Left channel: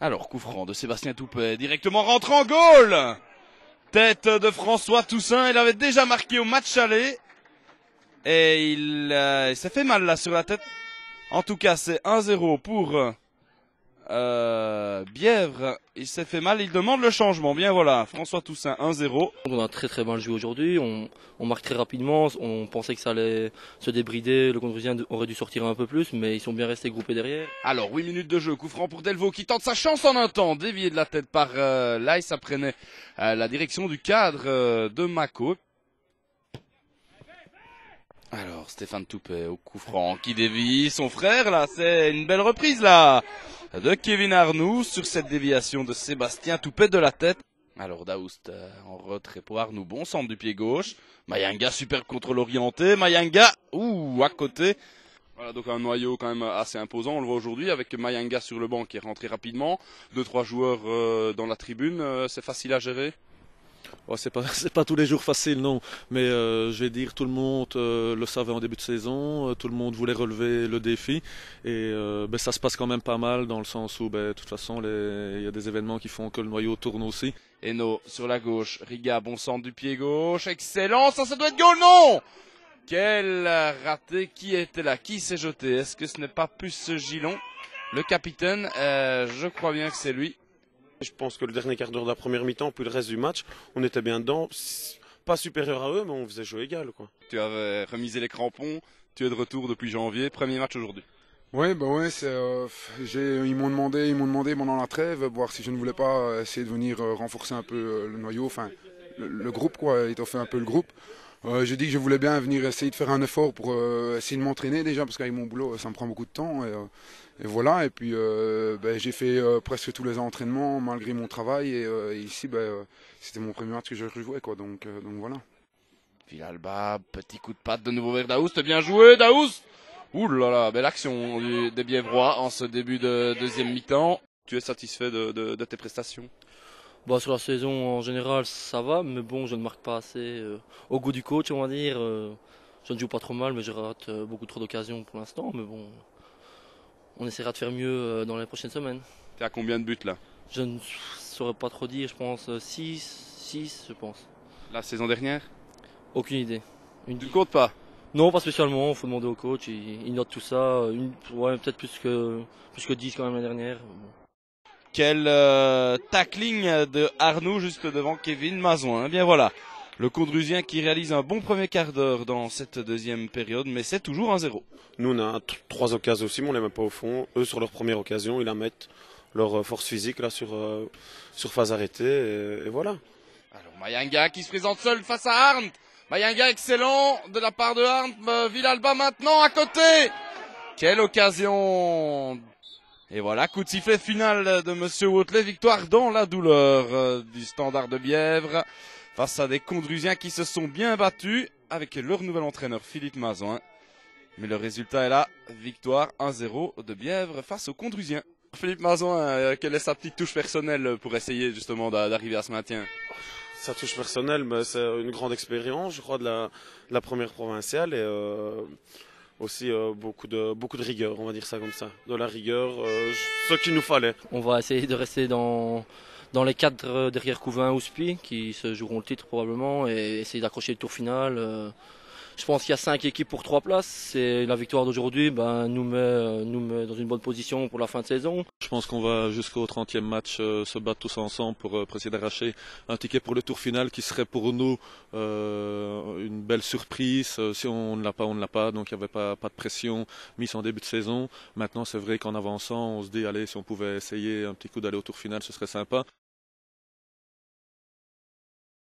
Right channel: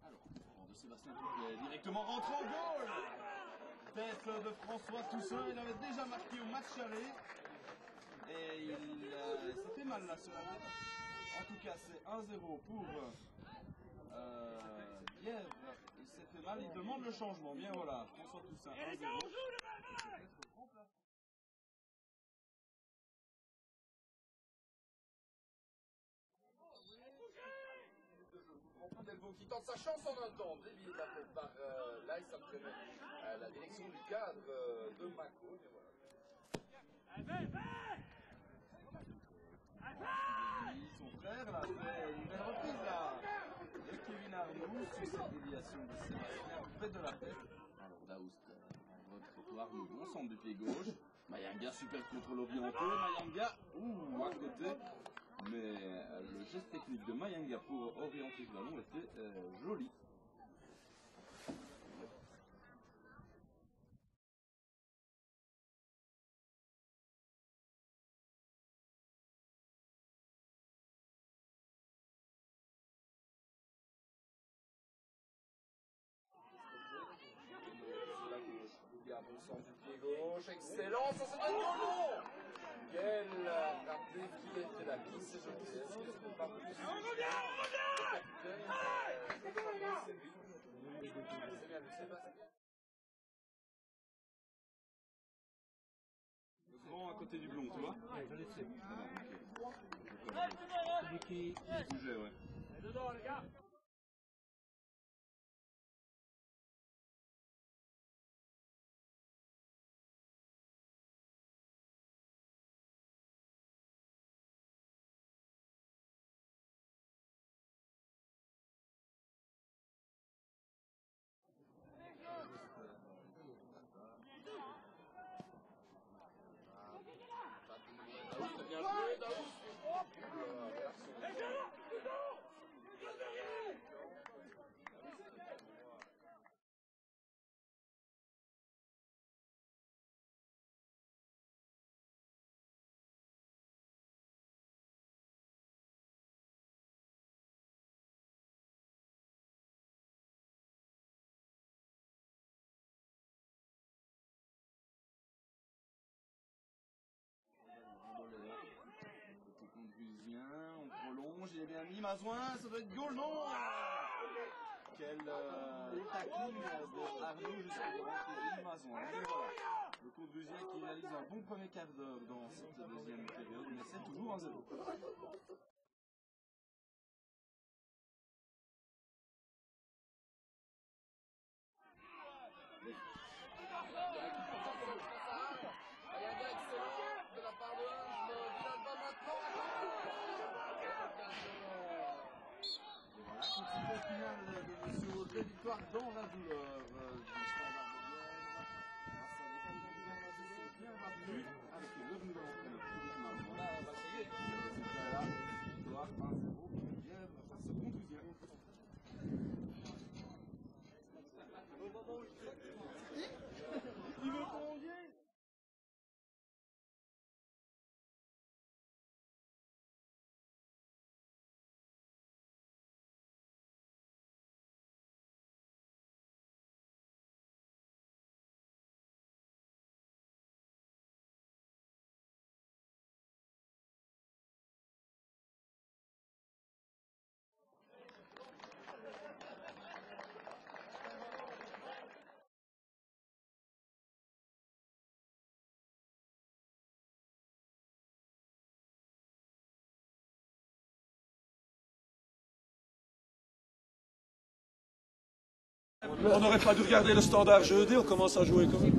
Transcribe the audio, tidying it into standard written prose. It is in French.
Alors, coup franc de Sébastien Toupet, directement rentre en goal. Tête de François Toussaint, il avait déjà marqué au match aller. Et il s'est fait mal là sur la tête. En tout cas, c'est 1-0 pour Bièvre. Il s'est fait mal, il demande le changement. Bien voilà, François Toussaint 1-0. On a très mal joué aujourd'hui, on marque très rapidement, on pensait que ça allait se débrider, le Condrusien aurait dû sortir un peu plus, mais ils sont bien restés groupés derrière. Alors 8 minutes de jeu, coup franc pour Delvaux qui tente sa chance en un temps, dévié de la tête par Lai, ça prenait la direction du cadre de Mako. Alors Stéphane Toupet au coup franc qui dévie son frère là, c'est une belle reprise là de Kevin Arnoux sur cette déviation de Sébastien Toupet de la tête. Alors Daoust en retrait pour Arnoux, bon centre du pied gauche. Mayanga super contrôle orienté, Mayanga à côté. Voilà donc un noyau quand même assez imposant, on le voit aujourd'hui avec Mayanga sur le banc qui est rentré rapidement. 2-3 joueurs dans la tribune, c'est facile à gérer. Oh, c'est pas tous les jours facile, non. Mais je vais dire, tout le monde le savait en début de saison, tout le monde voulait relever le défi. Et ça se passe quand même pas mal dans le sens où, de toute façon, il y a des événements qui font que le noyau tourne aussi. Eno sur la gauche, Riga, bon centre du pied gauche, excellent, ça doit être goal, non! Quel raté, qui était là, qui s'est jeté? Est-ce que ce n'est pas plus Gilon, le capitaine? Je crois bien que c'est lui. Je pense que le dernier quart d'heure de la première mi-temps, puis le reste du match, on était bien dedans. Pas supérieur à eux, mais on faisait jeu égal, quoi. Tu avais remisé les crampons, tu es de retour depuis janvier, premier match aujourd'hui. Ouais, ils m'ont demandé pendant la trêve, voir si je ne voulais pas essayer de venir renforcer un peu le noyau, enfin le groupe, quoi, étoffer un peu le groupe. J'ai dit que je voulais bien venir essayer de faire un effort pour essayer de m'entraîner déjà, parce qu'avec mon boulot, ça me prend beaucoup de temps. Et voilà, et puis j'ai fait presque tous les entraînements malgré mon travail. Et ici, c'était mon premier match que je rejouais, quoi, donc voilà. Villalba, petit coup de patte de nouveau vers Daoust, bien joué Daoust. Ouh là là, belle action des Bièvrois en ce début de deuxième mi-temps. Tu es satisfait de tes prestations? Sur la saison en général ça va, mais bon, je ne marque pas assez au goût du coach, on va dire. Je ne joue pas trop mal, mais je rate beaucoup trop d'occasions pour l'instant. Mais bon, on essaiera de faire mieux dans les prochaines semaines. Tu es à combien de buts là? Je ne saurais pas trop dire, je pense 6 je pense. La saison dernière? Aucune idée. Tu ne comptes pas? Non, pas spécialement, il faut demander au coach, il note tout ça. Peut-être plus que 10 quand même l'année dernière. Quel tackling de Arnoux juste devant Kevin Mazouin. Eh bien voilà, le Condrusien qui réalise un bon premier quart d'heure dans cette deuxième période, mais c'est toujours 1-0. Nous, on a 3 occasions aussi, mais on les met pas au fond. Eux, sur leur première occasion, ils la mettent, leur force physique là sur phase arrêtée, et voilà. Alors Mayanga qui se présente seul face à Arndt. Mayanga excellent de la part de Arndt. Villalba maintenant à côté. Quelle occasion! Et voilà, coup de sifflet final de Monsieur Wautelet, victoire dans la douleur du Standard de Bièvre face à des Condrusiens qui se sont bien battus avec leur nouvel entraîneur Philippe Mazouin. Mais le résultat est là, victoire 1-0 de Bièvre face aux Condrusiens. Philippe Mazouin, quelle est sa petite touche personnelle pour essayer justement d'arriver à ce maintien? Sa touche personnelle, c'est une grande expérience, je crois, de la première provinciale et aussi beaucoup de rigueur, on va dire ça comme ça. De la rigueur, ce qu'il nous fallait. On va essayer de rester dans les cadres derrière Couvain ou Spi, qui se joueront le titre probablement, et essayer d'accrocher le tour final. Je pense qu'il y a 5 équipes pour 3 places. Et la victoire d'aujourd'hui nous met dans une bonne position pour la fin de saison. Je pense qu'on va jusqu'au 30e match se battre tous ensemble pour essayer d'arracher un ticket pour le tour final qui serait pour nous une belle surprise. Si on ne l'a pas, on ne l'a pas. Donc il n'y avait pas de pression mise en début de saison. Maintenant c'est vrai qu'en avançant, on se dit allez, si on pouvait essayer un petit coup d'aller au tour final, ce serait sympa. On n'aurait pas dû regarder le Standard jeudi, on commence à jouer comme